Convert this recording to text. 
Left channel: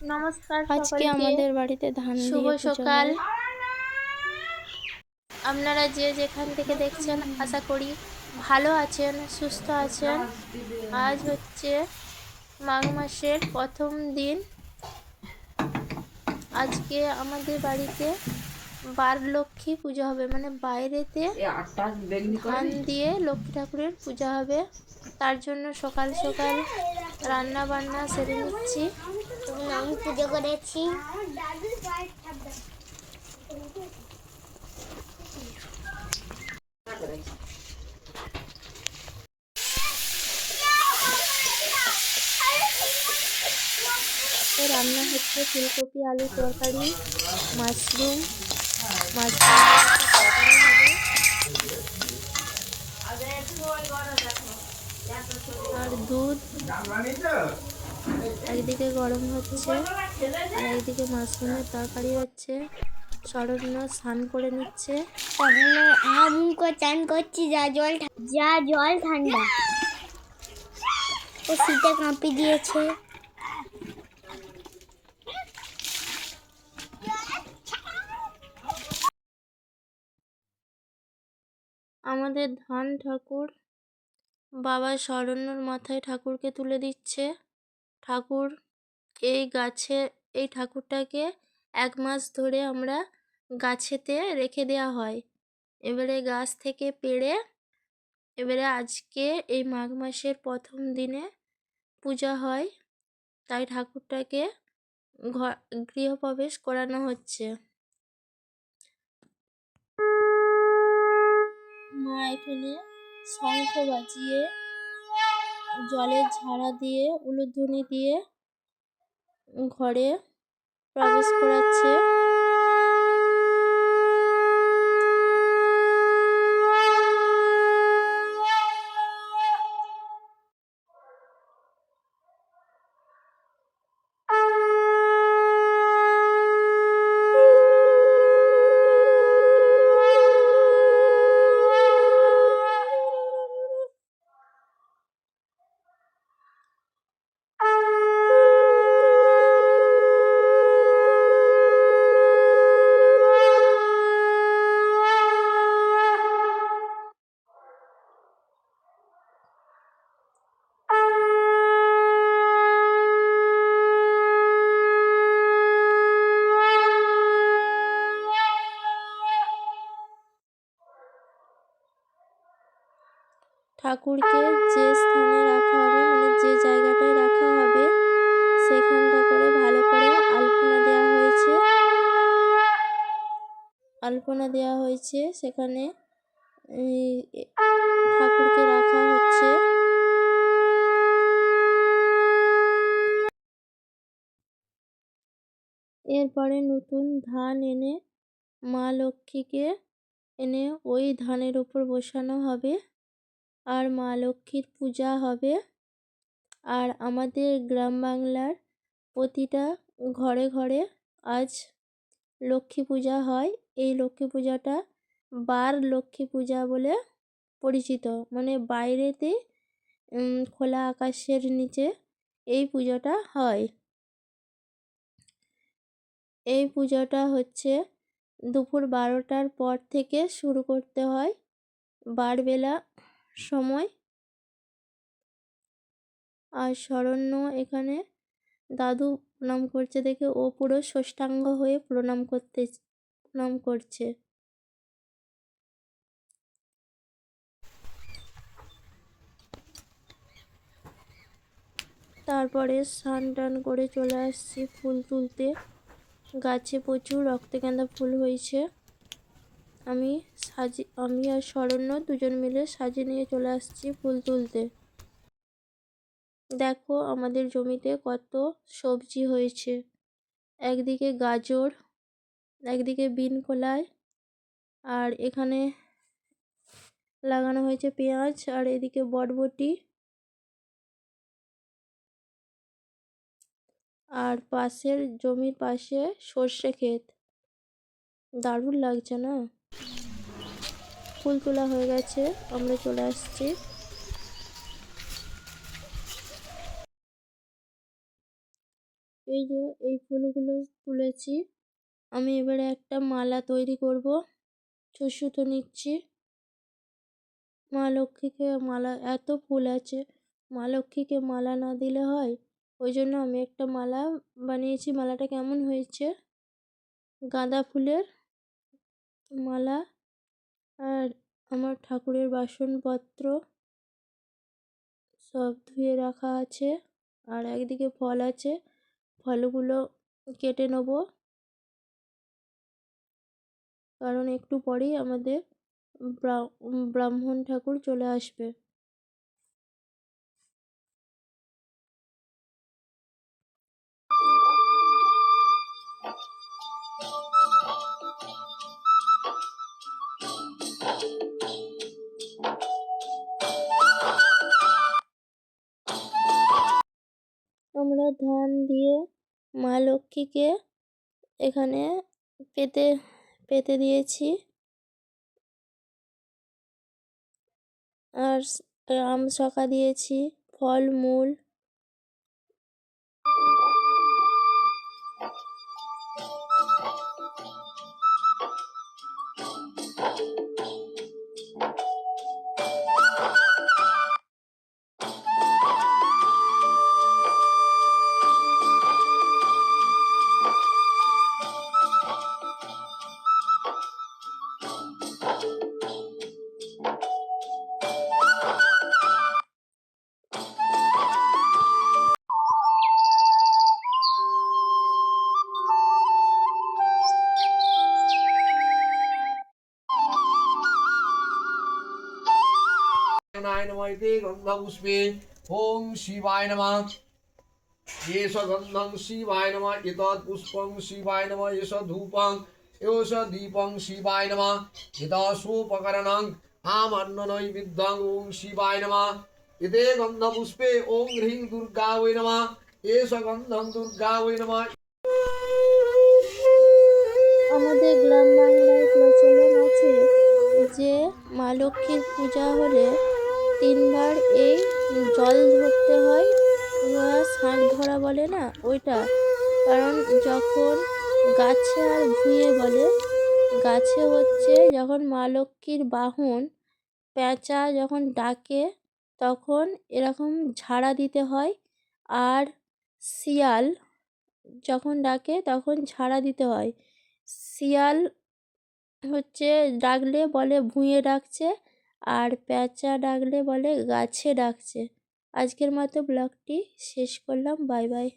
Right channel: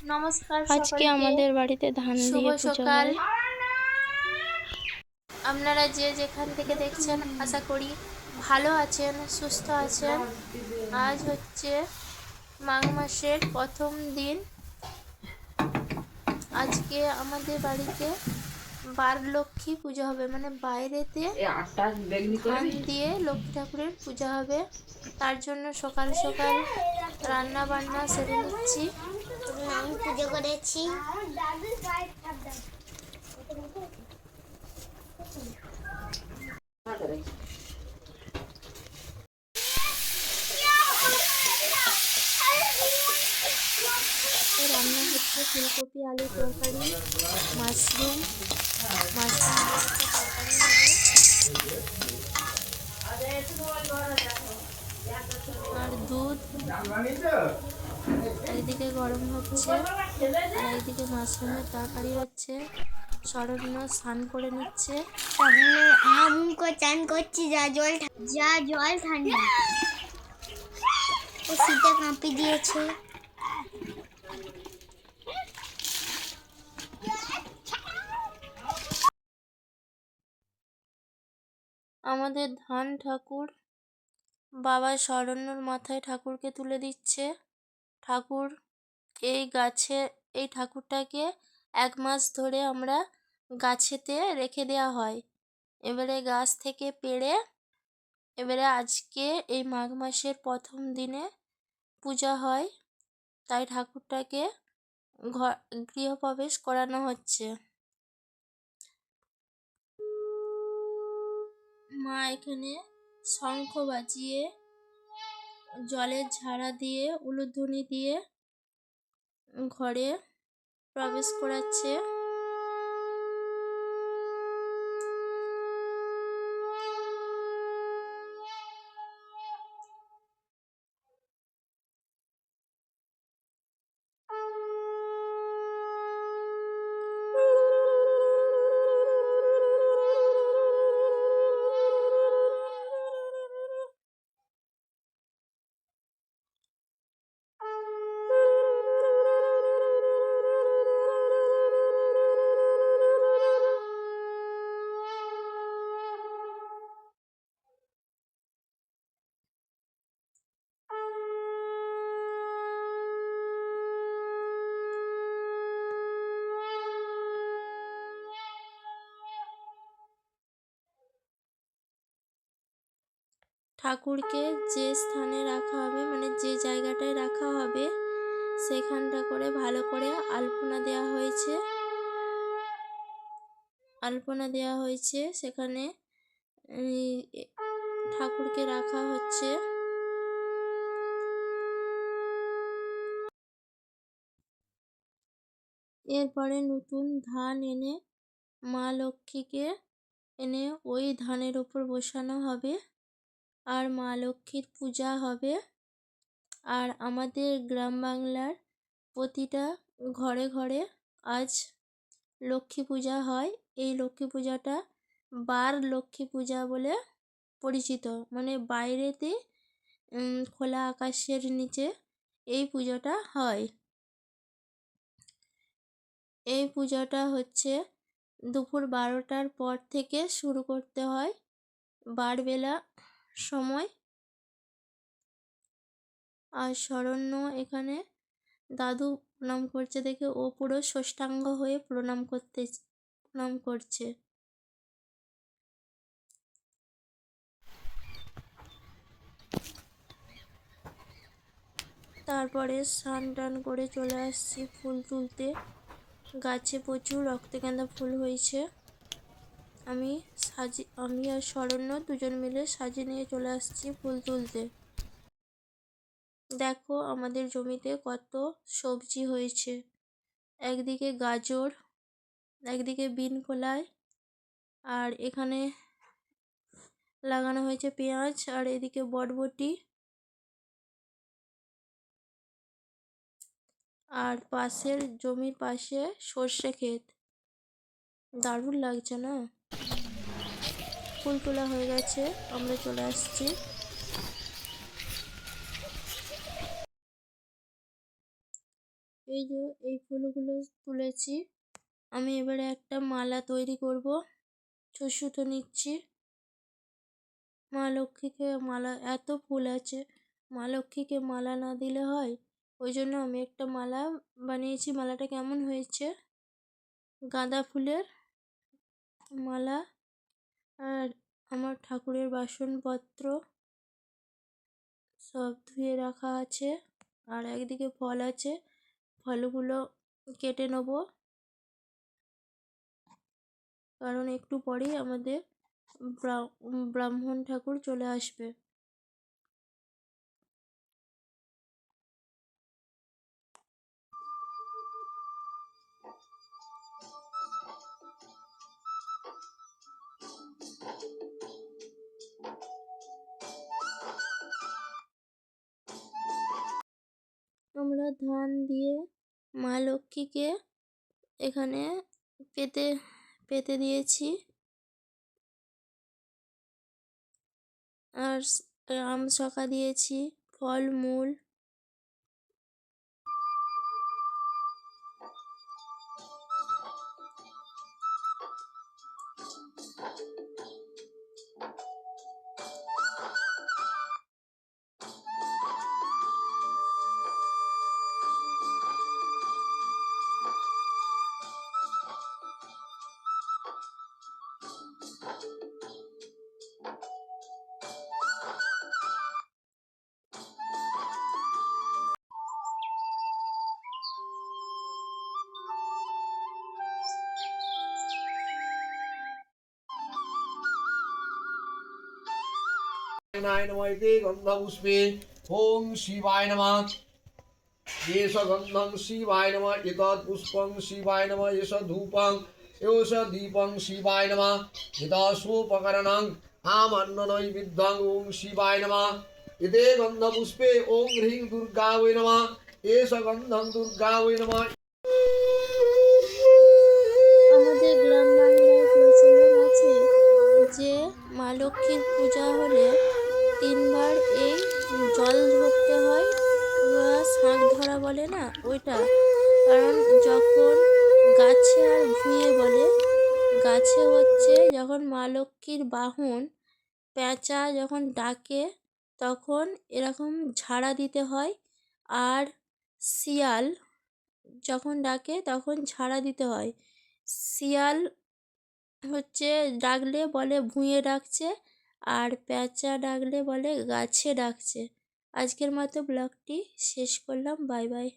নমস্কার আজকে সকলকে। আমাদের বাড়িতে ধান শুভ দিয়ে পুজো সকাল। হয়। আপনারা যে যেখান থেকে দেখছেন আশা করি ভালো আছেন, সুস্থ আছেন। আজ হচ্ছে মাঘ মাসের প্রথম দিন। আজকে আমাদের বাড়িতে বার লক্ষ্মী পুজো হবে, মানে বাইরেতে ধান দিয়ে লক্ষ্মী ঠাকুরের পূজা হবে। তার জন্য সকাল সকাল রান্না বান্না সেরে নিচ্ছি। আমি পুজো করেছি। রান্না হচ্ছে ফুলকপি আলু তরকারি, মাশরুম আর দুধ। একদিকে গরম হচ্ছে আর একদিকে মাশরুমের তরকারি হচ্ছে। শরণ্য স্নান করে নিচ্ছে। তাহলে আমুক চান করছি, যা জল ঠান্ডা। ও শীতে কাঁপি দিয়েছে। আমাদের ধান ঠাকুর বাবা শরণ্যর মাথায় ঠাকুরকে তুলে দিচ্ছে। ঠাকুর এই ঠাকুরটাকে 1 মাস ধরে আমরা গাছেতে রেখে দেওয়া হয়। এবারে গাছ থেকে পেড়ে এবারে আজকে এই মাঘ মাসের প্রথম দিনে পূজা হয়, তাই ঠাকুরটাকে গৃহপ্রবেশ করানো হচ্ছে। মা এখানে শঙ্খ বাজিয়ে, জলের ঝাড়া দিয়ে, উলুধ্বনি দিয়ে ঘরে প্রবেশ করাচ্ছে। ঠাকুরকে যে স্থানে রাখা হবে, মানে যে জায়গাটায় রাখা হবে, সেখানটা করে ভালো করে আলপনা দেওয়া হয়েছে। সেখানে ঠাকুরকে রাখা হচ্ছে। এরপরে নতুন ধান এনে মা লক্ষ্মীকে এনে ওই ধানের উপর বসানো হবে আর মা লক্ষ্মীর পূজা হবে। আর আমাদের গ্রাম বাংলার প্রতিটা ঘরে ঘরে আজ লক্ষ্মী পূজা হয়। এই লক্ষ্মী পূজাটা বার লক্ষ্মী পূজা বলে পরিচিত, মানে বাইরেতে খোলা আকাশের নিচে এই পুজোটা হয়। এই পূজাটা হচ্ছে দুপুর 12টার পর থেকে শুরু করতে হয়, বারবেলা সময়। আর শরণ্য এখানে দাদু প্রণাম করছে দেখে ও পুরো সাষ্টাঙ্গ হয়ে প্রণাম করছে। তারপরে স্নান টান করে চলে আসছি ফুল তুলতে। গাছে প্রচুর রক্তগেঁদা ফুল হয়েছে। আমি আর শরণ্য দুজন মিলে সাজিয়ে নিয়ে চলে আসছি ফুল তুলতে। দেখো আমাদের জমিতে কত সবজি হয়েছে। একদিকে গাজর, একদিকে বিন কলাই, আর এখানে লাগানো হয়েছে পেঁয়াজ, আর এদিকে বরবটি, আর পাশের জমির পাশে সর্ষে ক্ষেত। দারুণ লাগছে না? ফুল তোলা হয়ে গেছে, আমরা চলে আসছি। এই যে এই ফুলগুলো তুলেছি, আমি এবারে একটা মালা তৈরি করব। সুতো নিচ্ছি। মা লক্ষ্মীকে মালা, এত ফুল আছে, মা লক্ষ্মীকে মালা না দিলে হয়? ওই জন্য আমি একটা মালা বানিয়েছি। মালাটা কেমন হয়েছে? গাঁদা ফুলের মালা। আর আমার ঠাকুরের বাসনপত্র সব ধুয়ে রাখা আছে। আর একদিকে ফল আছে, ফলগুলো কেটে নেব, কারণ একটু পরেই আমাদের ব্রাহ্মণ ঠাকুর চলে আসবে। আমরা ধান দিয়ে মা লক্ষ্মীকে এখানে পেতে পেতে দিয়েছি। আর আম শাখা দিয়েছি, ফলমূল। नमः इति गन्धपुष्पे ॐ शिवाय नमः। एष गन्धं शिवाय नमः, एतत् पुष्पं शिवाय नमः, एष धूपं, एष दीपं शिवाय नमः, एतत्सोपकरणं आमन्ननैवेद्यं ॐ शिवाय नमः। एते गन्धपुष्पे ॐ ह्रीं दुर्गा वै नमः, एष गन्धं दुर्गा वै नमः। আমাদের গ্রাম বাংলায় প্রচলন আছে যে মা লক্ষ্মীর পূজা হলে 3বার এই জল ধরতে হয়, বা শাঁখ ধরা বলে না ওইটা। কারণ যখন গাছে আর ভুঁয়ে বলে, গাছে হচ্ছে যখন মা লক্ষ্মীর বাহন পেঁচা যখন ডাকে তখন এরকম ঝাড়া দিতে হয়, আর শিয়াল যখন ডাকে তখন ঝাড়া দিতে হয়। শিয়াল হচ্ছে ডাকলে বলে ভুঁয়ে ডাকছে, আর পেঁচা ডাকলে বলে গাছে ডাকছে। আজকের মতো ব্লগটি শেষ করলাম। Bye bye.